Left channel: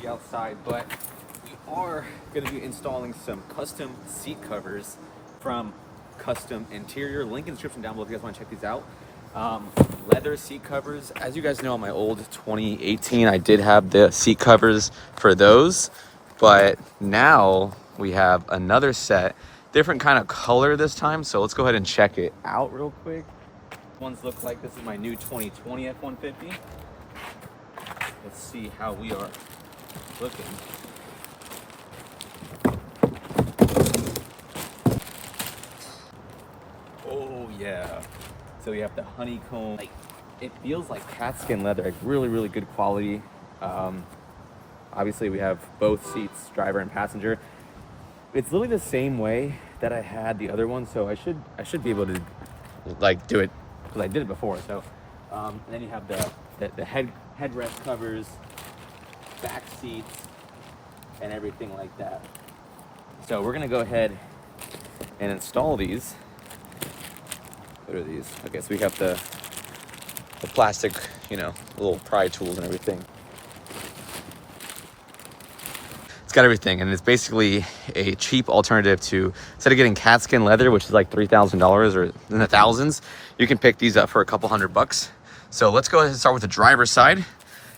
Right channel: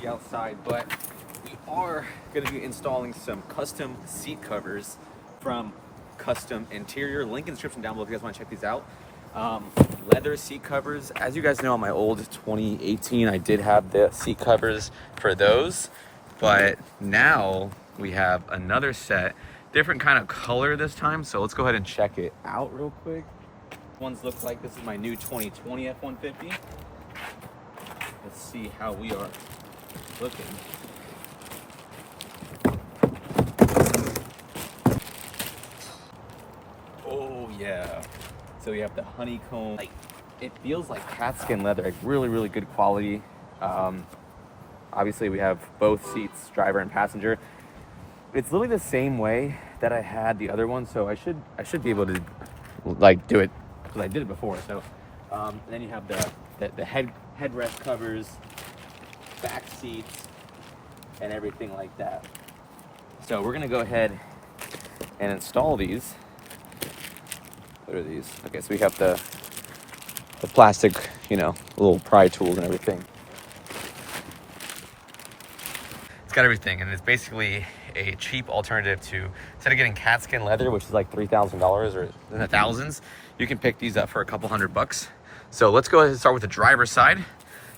the outside, but we are going to be installing some custom seat covers from Kustom Interior. Link in the description down below if you guys want to check these out. Leather seat covers. As you guys know, on my old 2018, I did have the seat covers for those, but now we have another set, different kind of color this time. So let's go ahead and check it out real quick. Ones look like this is my new 2020 F150. Let's see how we are looking. Oh yeah. So we have the honeycomb. Like, it feels like cat skin leather, like really good quality. Obviously we have both seats, driver and passenger. It's literally the same way that I had the other one, so I should be able to like do it because I did it before. So and then you have the headrest covers, back seats, and everything like that. So we're gonna go ahead and install these. What are these? Okay, so we have the plastic, you know, little pry tools and everything. It's got everything, and it's basically a cheap alternative to, instead of getting cat skin leather, which is like $3,000 or in the thousands, you can pick these up for a couple $100. So let's go ahead and start with the driver's side,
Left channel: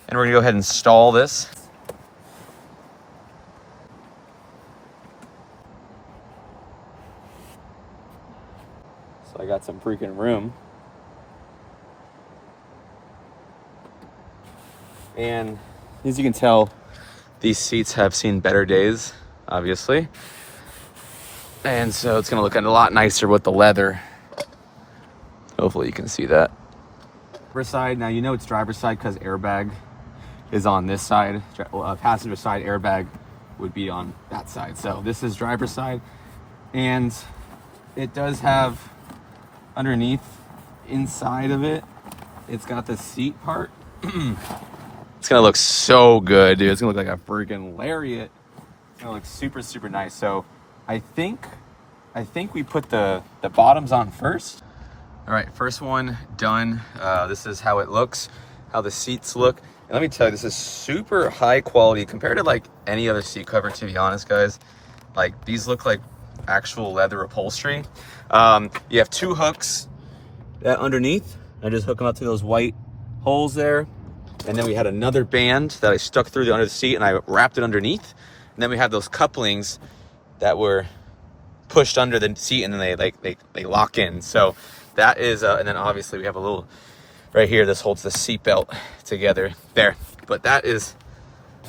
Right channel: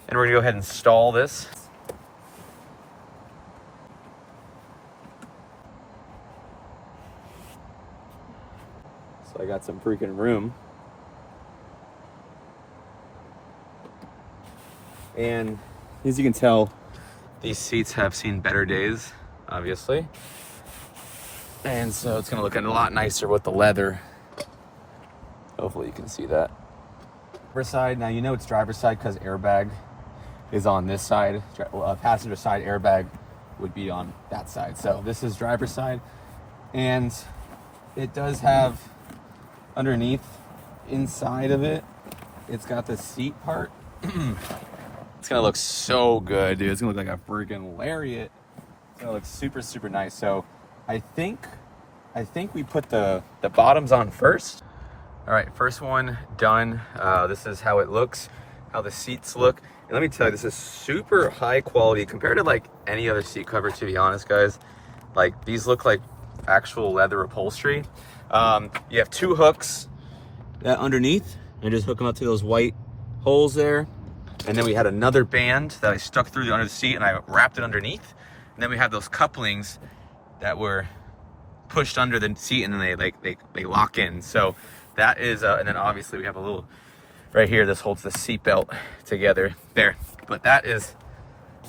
and we're gonna go ahead and install this. So I got some freaking room. And as you can tell, these seats have seen better days, obviously. And so it's gonna look a lot nicer with the leather. Hopefully you can see that. Driver's side, now you know it's driver's side because airbag is on this side. Passenger side airbag would be on that side. So this is driver's side. And it does have underneath, inside of it, it's got the seat part. It's gonna look so good, dude. It's gonna look like a freaking lariat. It's gonna look super nice. So I think we put the bottoms on first. All right, first one done. This is how it looks, how the seats look. And let me tell you, this is super high quality compared to like any other seat cover, to be honest, guys. Like, these look like actual leather upholstery. You have two hooks underneath. I just hook them up to those white holes there. And then we had another band that I stuck through the under the seat and I wrapped it underneath. And then we have those couplings that were pushed under the seat and then they lock in. So that is, and then obviously we have a little right here. This holds the seat belt together there. But that is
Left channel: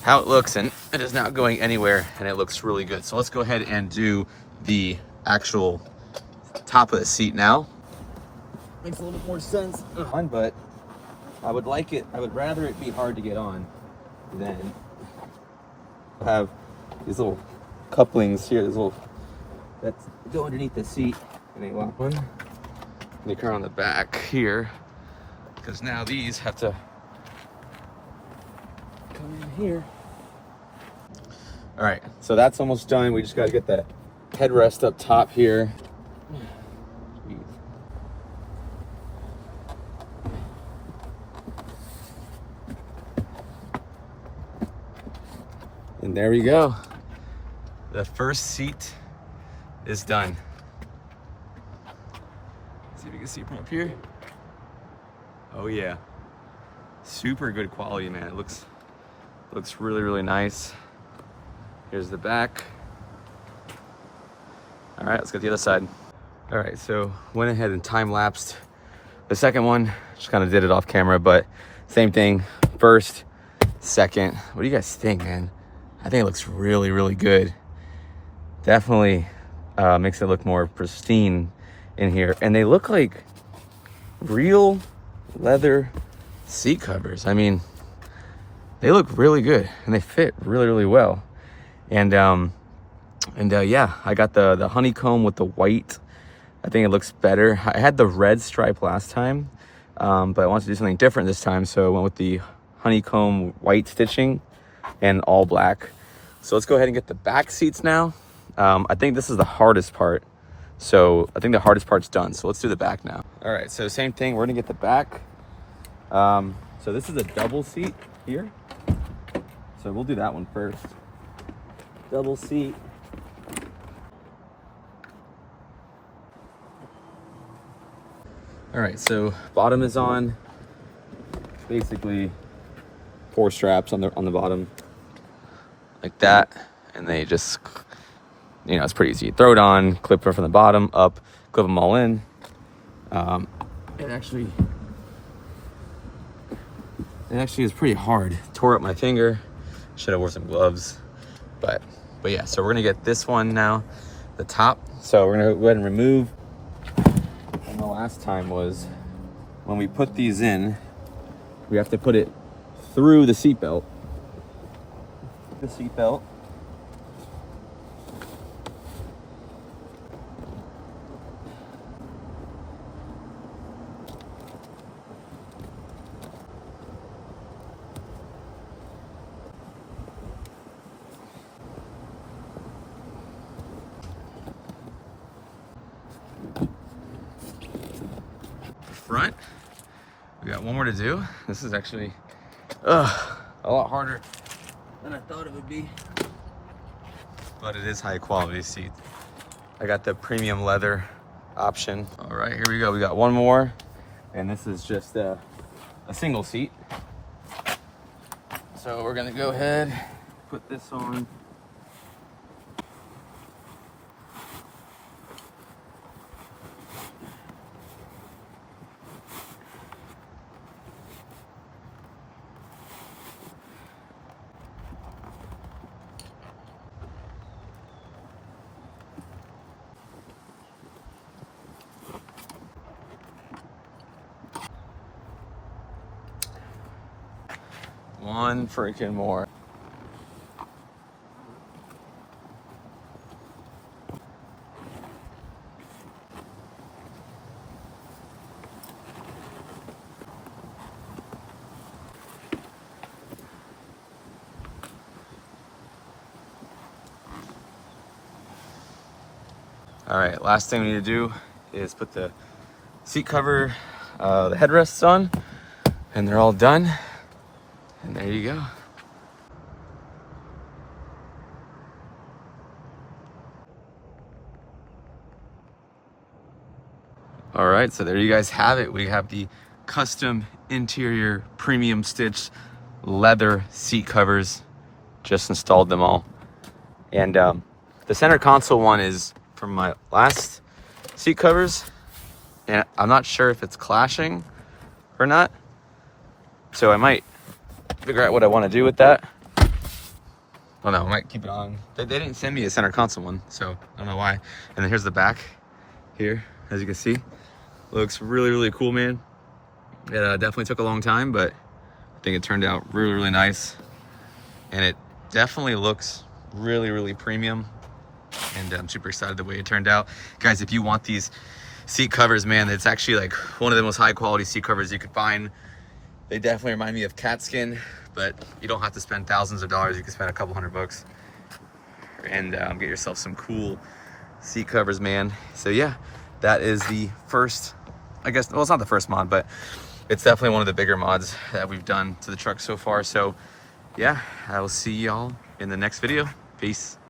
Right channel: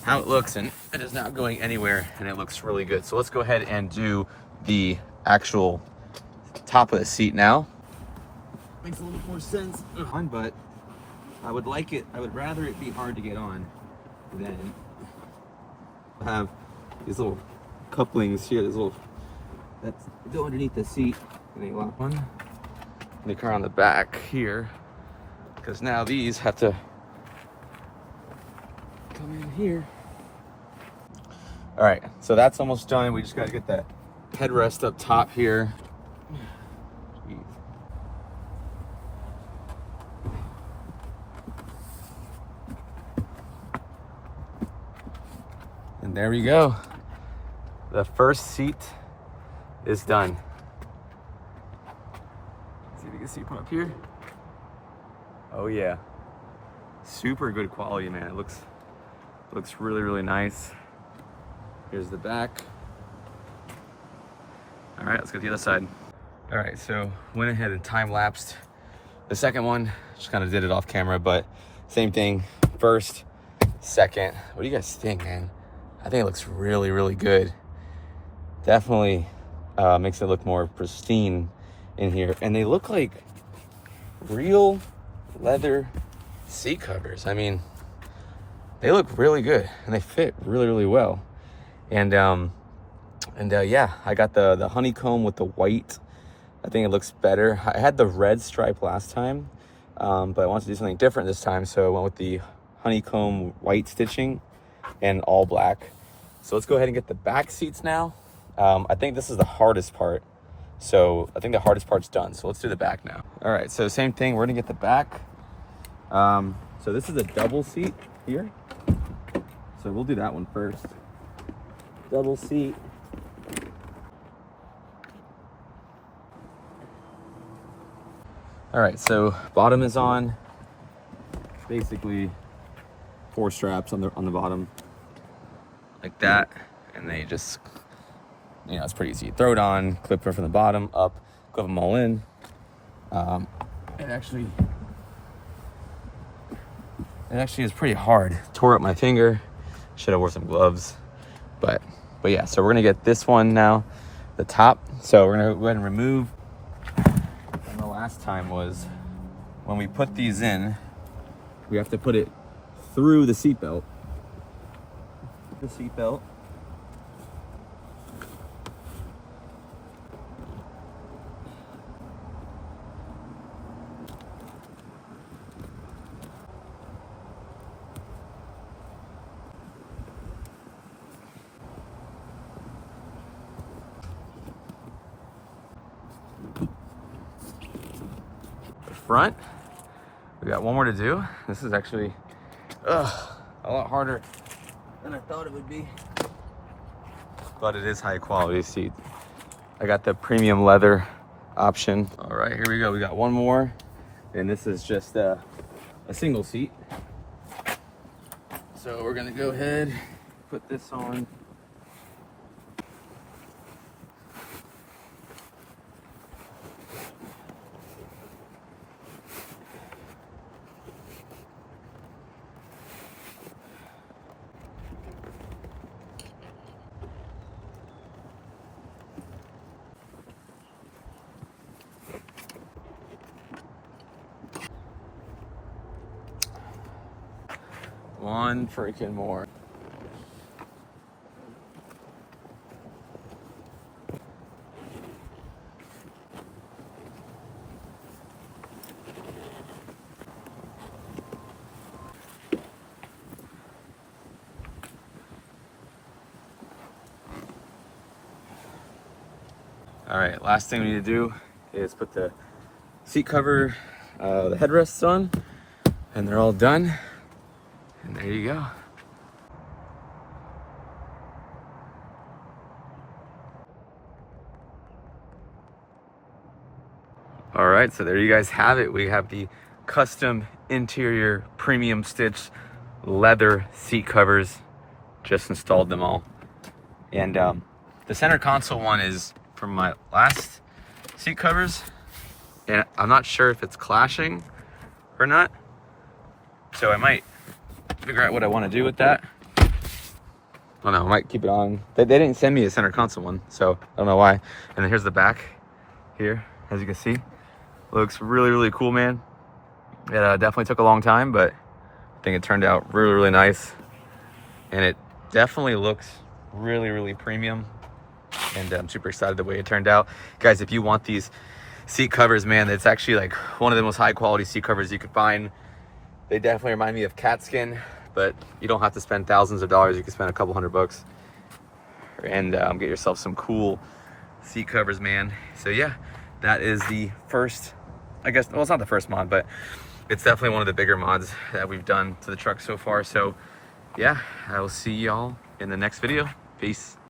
how it looks, and it is not going anywhere, and it looks really good. So let's go ahead and do the actual top of the seat now. Makes a little bit more sense, but I would rather it be hard to get on than have these little couplings here, that go underneath the seat. And they lock one. They come around the back here, because now these have to come in here. All right, so that's almost done. We just got to get that headrest up top here. Jeez. And there we go. The first seat is done. See if you can see from up here. Oh yeah, super good quality, man. It looks really nice. Here's the back. All right, let's get the other side. All right, so went ahead and time-lapsed the second one. Just kind of did it off camera, but same thing. First, second. What do you guys think, man? I think it looks really good. Definitely makes it look more pristine in here. And they look like real leather seat covers. I mean, they look really good and they fit really well. And yeah, I got the honeycomb with the white. I think it looks better. I had the red stripe last time, but I wanted to do something different this time, so I went with the honeycomb white stitching and all black. So let's go ahead and get the back seats now. I think this is the hardest part. So I think the hardest part's done. So let's do the back now. All right, so same thing, we're gonna get the back. So this is a double seat here. So we'll do that one first. Double seat. All right, so bottom is on. Basically 4 straps on the bottom, like that, and they just, you know, it's pretty easy. You throw it on, clip it from the bottom up, clip them all in. It actually is pretty hard. Tore up my finger. Should have wore some gloves, but yeah. So we're gonna get this one now, the top. So we're gonna go ahead and remove. And the last time was when we put these in, we have to put it through the seat belt. The seat belt. Front. We got one more to do. This is actually a lot harder than I thought it would be, but it is high quality seat. I got the premium leather option. All right, here we go. We got one more, and this is just a single seat. So we're gonna go ahead, put this on. One freaking more. All right, last thing we need to do is put the seat cover, the headrests on, and they're all done. And there you go. All right, so there you guys have it. We have the custom interior premium stitched leather seat covers. Just installed them all. And the center console one is from my last seat covers. And I'm not sure if it's clashing or not. So I might figure out what I want to do with that. Oh no, I might keep it on. They didn't send me a center console one, so I don't know why. And then here's the back here, as you can see. Looks really, really cool, man. It definitely took a long time, but I think it turned out really, really nice. And it definitely looks really, really premium. And I'm super excited the way it turned out. Guys, if you want these seat covers, man, it's actually like one of the most high quality seat covers you could find. They definitely remind me of cat skin, but you don't have to spend thousands of dollars. You can spend a couple $100 and get yourself some cool seat covers, man. So yeah, that is the first, I guess, well, it's not the first mod, but it's definitely one of the bigger mods that we've done to the truck so far. So yeah, I will see y'all in the next video. Peace.